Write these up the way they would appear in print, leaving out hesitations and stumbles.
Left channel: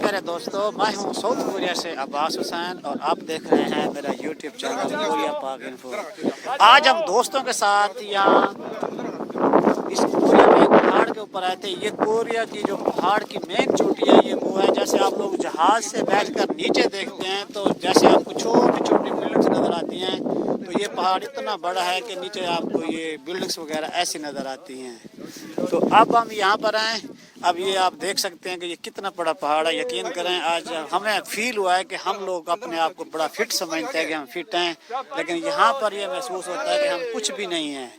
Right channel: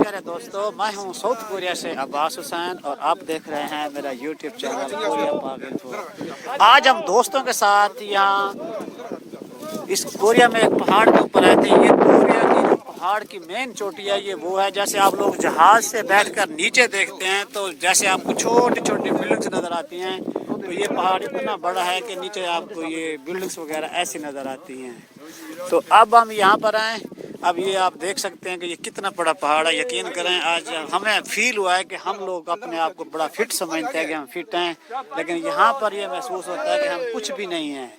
प्यारे दोस्तों, मैं हूं साउथ कोरिया से अब्बास हुसैन और आप देख रहे हैं मेरा यूट्यूब चैनल कोरिया पाक इन्फो। आज हम दोस्तों के साथ यहाँ इस कोरिया में एक पहाड़ के ऊपर आए थे। ये कोरिया की जो पहाड़ की मेन चोटी है ये वो है। जैसे आप लोग जहाज से बैठकर नीचे देखते हैं तो जैसे आपको छोटी छोटी बिल्डिंग्स नज़र आती हैं, तो ये पहाड़ इतना बड़ा है कि नीचे आपको ये बिल्डिंग्स वगैरह ऐसी नज़र आती हैं। तो अब हम यहाँ पर आए। अब ये आप देख सकते हैं कि ये कितना बड़ा पहाड़ है। यकीन करें आज हमें फील हुआ है कि हम लोग अपने आप को बड़ा फिट समझते हैं कि हम फिट हैं, लेकिन यहाँ पर ये महसूस होता है कि हम कुछ भी नहीं हैं।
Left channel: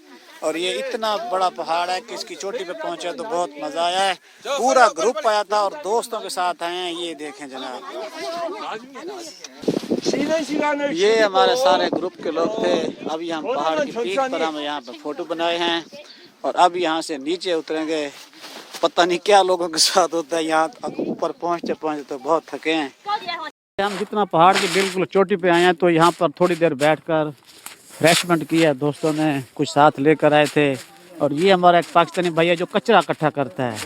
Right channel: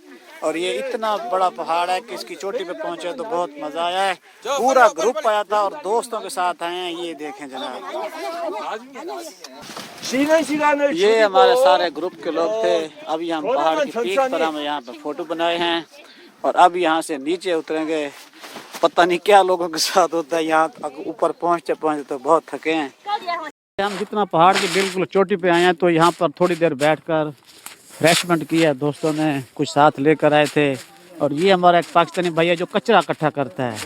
और ये इतना बड़ा पहाड़ है कि इसकी चोटी पे पहुँचे तो बहुत मज़ा आया है। पूरा ग्रुप आया था और दोस्तों के साथ आए हैं। ये देखें जनाब, ये हमारे सारे ग्रुप के लोग थे। अभी हम पहाड़ की पीक पर हम यहाँ पर फोटो बनाए हैं और अब यहाँ से नीचे उतरेंगे। पता नहीं क्या लोगों के साथ होता है, यहाँ ऊपर पहुँचते पहुँचते तो बहुत थके हैं। हम जितना पहाड़ की बिल्कुल चोटी पे आए हैं तो यहाँ पर थोड़ी देर बैठकर रिफ्रेशमेंट किया। दोस्तों ने कुछ साथ लेकर आए थे और ये हमारा एक पाकिस्तानी भैया जो कचरा इकट्ठा करता है।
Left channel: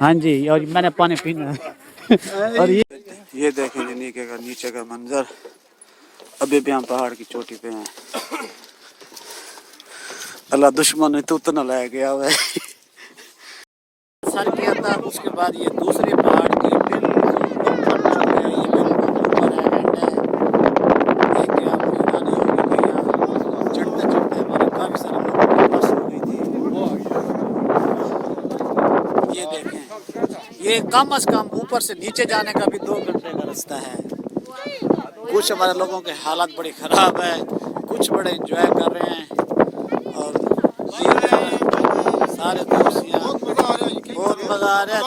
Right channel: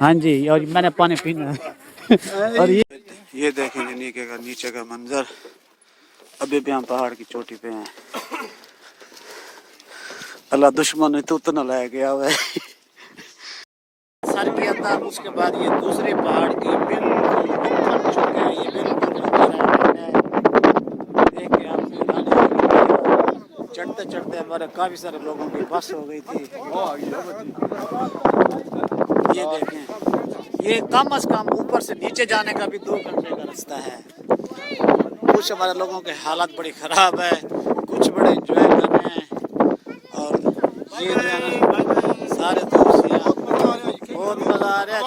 हाँ जी, और मैंने पानी पीना है। और ये देखें नीचे का मंजर। अभी भी हम पहाड़ की चोटी पे हैं। अल्लाह दुश्मन तो उतना लाया गया हुआ है। सर किया था, उसके बाद ये दूसरे पहाड़ की बिल्कुल ये बिल्कुल चढ़ते चढ़ते हमारे काफी सारे लोगों की बस हो गई थी। ये देखें, ये कम से कम ऊपर से नीचे जाने का भी 2 घंटे का रास्ता है। कुछ हमारे लोगों के हालात बड़ी ख़राब है, कुछ बड़े एंजॉय कर रहे हैं। और ये सारे दोस्त यहाँ बहुत मज़ा आ रहा है।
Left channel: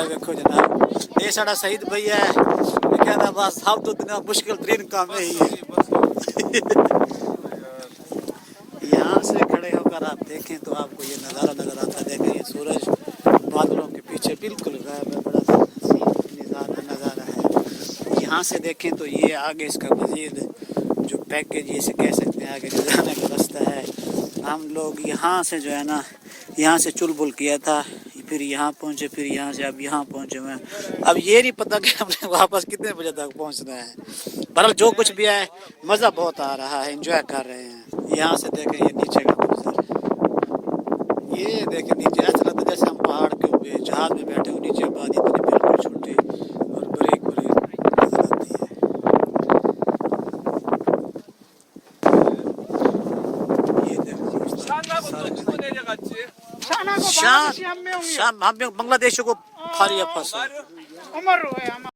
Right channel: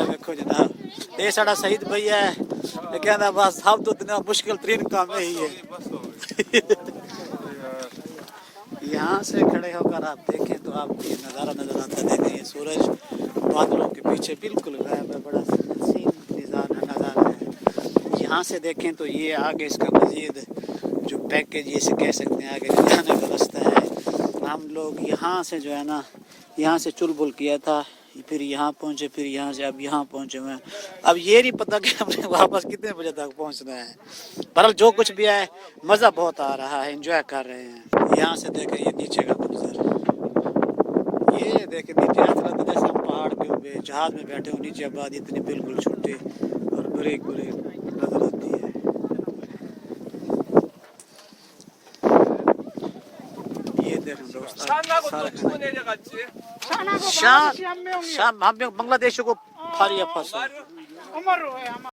देखो जनाब, ये साड़ा शहीद भैया है। कहना बस हम तो इतना मुश्किल तरीन काम है ही है। यहाँ से खड़े होकर आप देखें तो आपको ये नज़ारा नज़र आता है। देखें ये सूरज बादलों के पीछे बिल्कुल गायब है। बड़ा हसीन नज़ारा है। यहाँ से देखें तो ये आगे इसका मज़ीद जो पैकेज ये से कह सकते हैं आगे जाने का रास्ता है। हम लोग यहाँ से जो है ना, यहाँ से चुलबुल किया था, फिर यहाँ पहुँचे, फिर यहाँ से अब यहाँ पहुँचे हुए हैं। अब ये नहीं पता कि हमने वापस कितने बजे तक पहुँचना है। बहरहाल जो कुछ भी है मज़ा बहुत आ रहा है, एंजॉय कर रहे हैं। यहाँ से देखें ये नीचे का मंजर, ये देखें नीचे ऐसा लगता है जैसे हम पहाड़ के ऊपर जहाज में बैठे हो। नीचे आबादी इतनी बिल्कुल छोटी और ब्रेक नजर आती है। ये देखें शाम हम बांग्लादेश को फारिया फंसा।